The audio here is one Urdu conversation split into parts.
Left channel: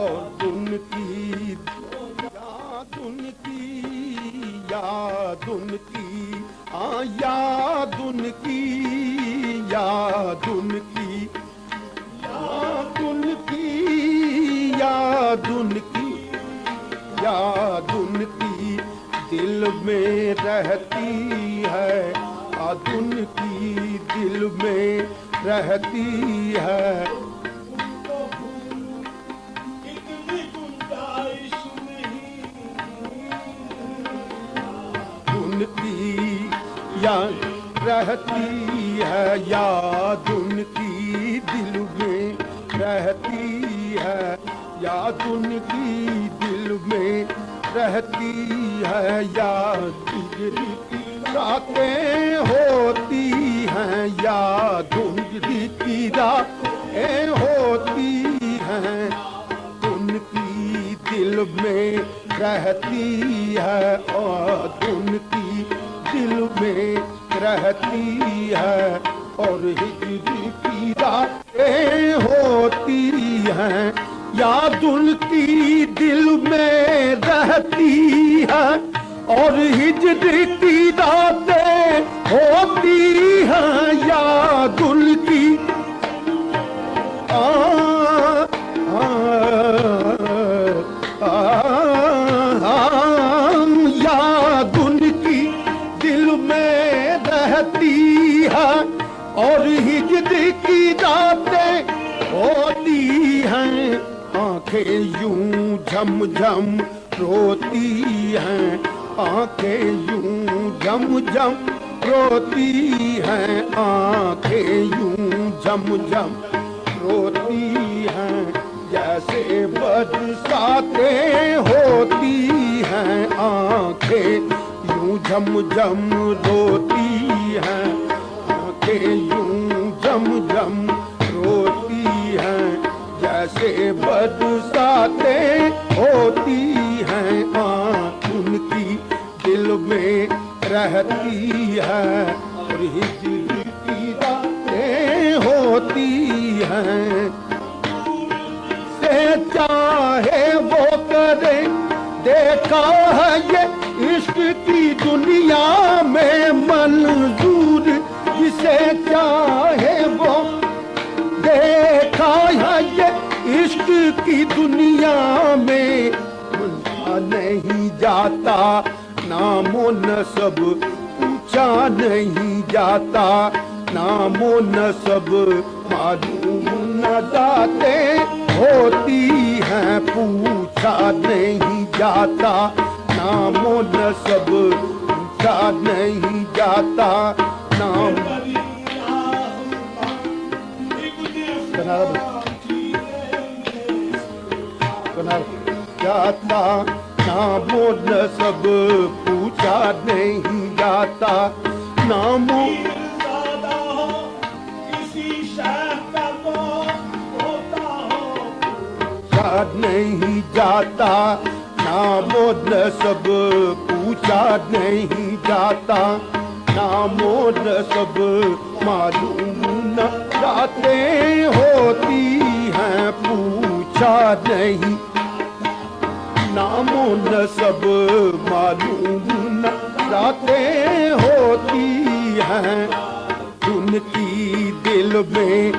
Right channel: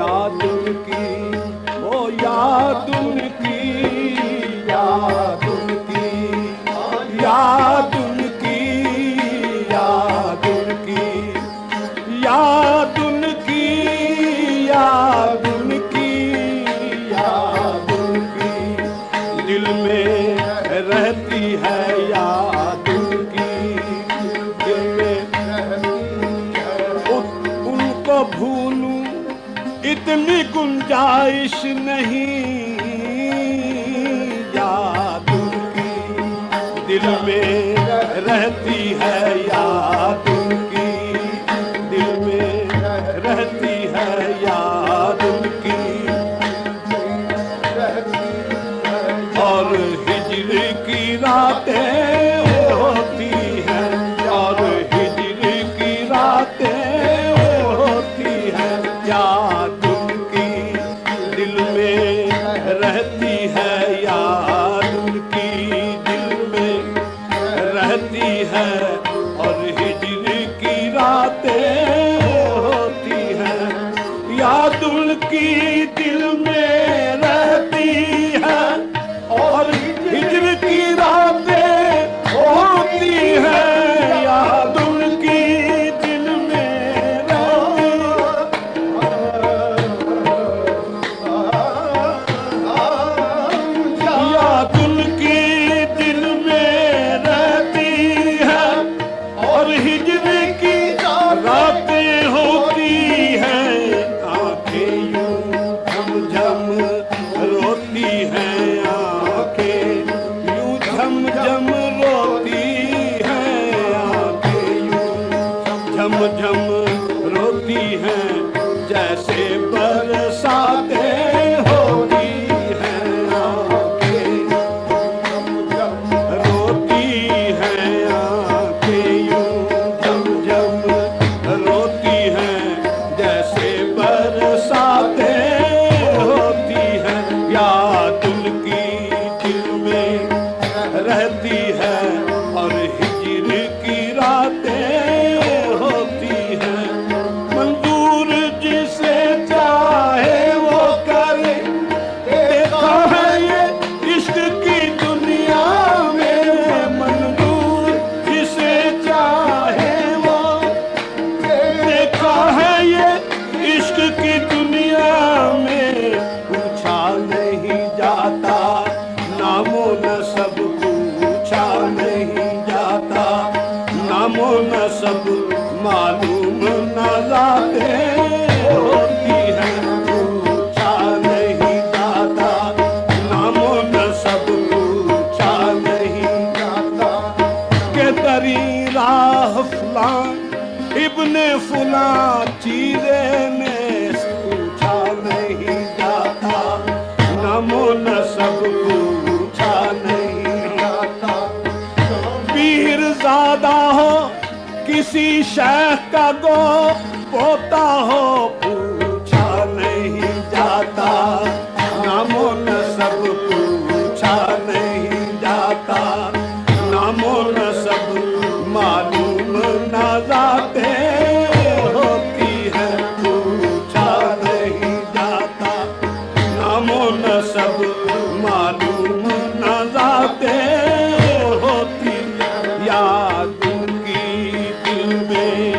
یاد ان کی، وہ یاد ان کی، یاد ان کی، یاد ان کی، یاد ان کی، یاد ان کی، یاد ان کی، یاد ان کی، دل میں رہتی ہے یاد ان کی، دل میں رہتی ہے، ان کو بھولوں اتنی گنجائش نہیں، یاد ان کی دل میں رہتی ہے یاد ان کی، دل میں رہتی ہے یاد ان کی، دل میں رہتی ہے، اور ہجر کی راتیں ہوتی ہیں، یار ہجر کی راتیں ہوتی ہیں، یاد ان کی دل میں رہتی ہے، یاد ان کی دل میں رہتی ہے، اور ہجر کی راتیں ہوتی ہیں، یاد ان کی دل میں رہتی ہے، اور ہجر کی راتیں ہوتی ہیں، یاد ان کی دل میں یاد ان کی دل میں رہتی ہے، اور ہجر کی راتیں ہوتی ہیں، آنکھیں یوں جھم جھم روتی ہیں، آنکھیں یوں جھم جھم روتی ہیں، آنکھیں یوں جھم جھم روتی ہیں، جیسے برساتیں ہوتی ہیں، آنکھیں یوں جھم جھم روتی ہیں، آنکھیں یوں جھم جھم روتی ہیں، جیسے برساتیں ہوتی ہیں، یاد ان کی دل میں رہتی ہے، اور ہجر کی راتیں ہوتی ہیں، منظور جسے چاہے وہ کرے، دیکھا ہے یہ عشق کی دنیا میں، منظور جسے چاہے وہ دیکھا ہے یہ عشق کی دنیا میں، پوچھا نہیں جاتا نام و نسب، پوچھا نہیں جاتا نام و نسب، معلوم نہ ذاتیں ہوتی ہیں، پوچھا نہیں جاتا نام و نسب، پوچھا نہیں جاتا، کہ تری راہ فلاں ابن فلاں چیزیں میں پوچھا نہیں جاتا، نام و نسب پوچھا نہیں جاتا، نام میر زادہ ہو کسی شیخ کا گو پوتا ہو، پوچھا نہیں جاتا، نام و نسب پوچھا نہیں جاتا، نام و نسب معلوم نہ ذاتیں ہوتی ہیں، پوچھا نہیں جاتا، نام و نسب معلوم نہ ذاتیں ہوتی ہیں، یاد ان کی دل میں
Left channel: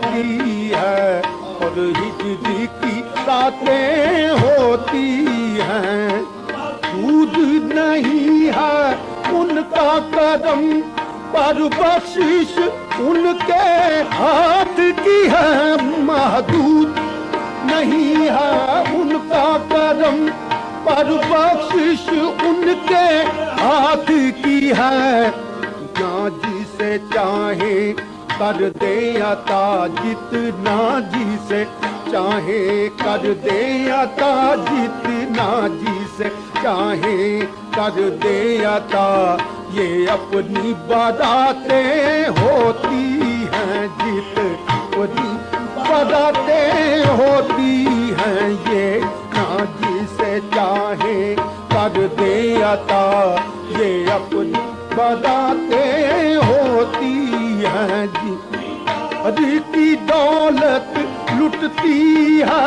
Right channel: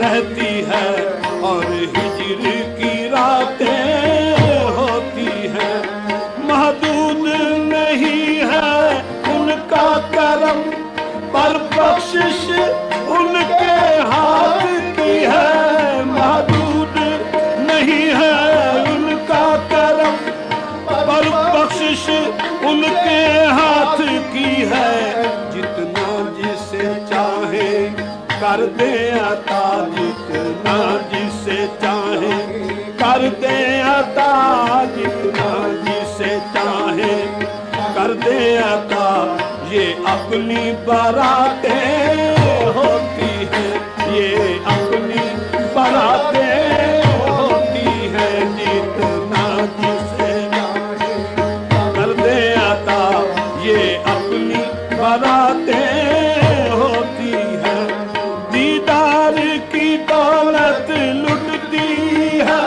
رہتی ہے، اور ہجر کی راتیں ہوتی ہیں، محدود نہیں ہے ان کا کرم، پر بخشش ان کے ہاتھ کی ہے، محدود نہیں ہے ان کا کرم، پر بخشش ان کے ہاتھ کی ہے، جتنا جسے چاہے کر دے عطا، جتنا جسے چاہے کر دے عطا، جتنا جسے چاہے کر دے عطا، یہ اپنی براتیں ہوتی ہیں، یہ اپنی براتیں ہوتی ہیں، یہ نہ جسے چاہے کر دے عطا، یہ اپنی براتیں ہوتی ہیں، دیدار کی دولت لٹتی ہے،